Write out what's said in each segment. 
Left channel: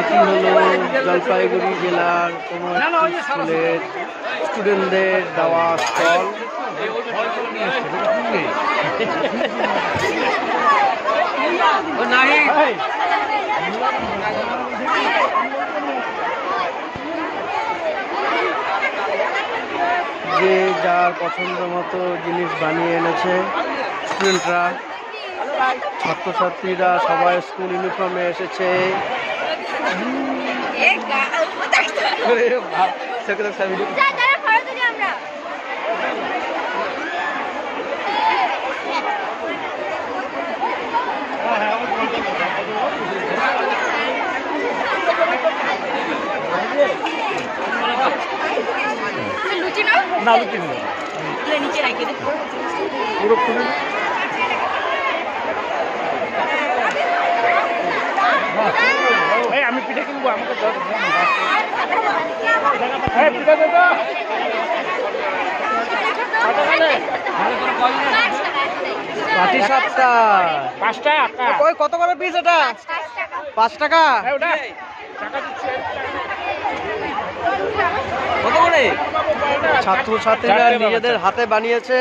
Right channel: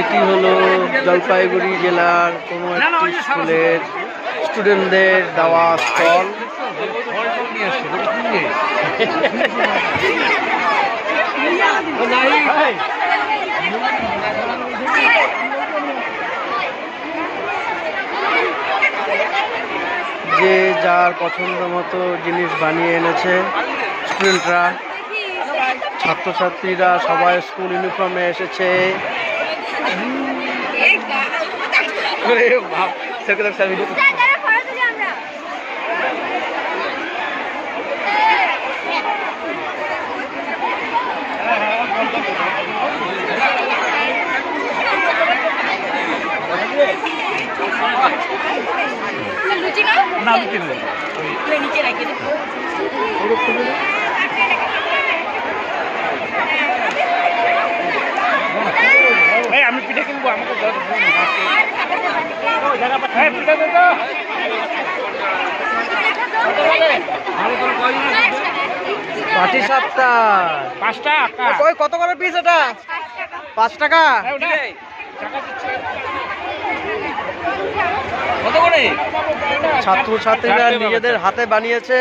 এটি হলো জলপাইগুড়ি জেলার কোনো একটি স্কুলের স্টুডেন্টদের দেওয়া স্টল। যে যার পছন্দ মতো জিনিস বানিয়ে এনেছে স্টুডেন্টরা, ছাত্রছাত্রীরা সবাই স্কুল ইউনিফর্মে এসেছে। আমি পিঠে কিনবো, আমাকে পাটি সাপটা 5 টাকা। ওই কত করে পিস এটা? 5 টাকা। কত করে? ছাত্রছাত্রীরা নিজেদের হাতে বানিয়েছে।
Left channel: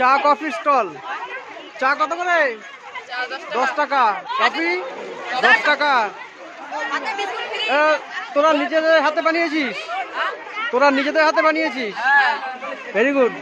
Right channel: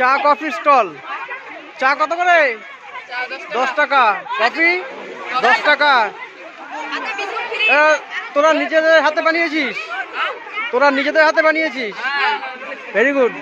চা কফি স্টল। চা কত করে? 10 টাকা। কফি 10 টাকা। তোরা নিজেদের হাতে বানিয়েছিস? Very good.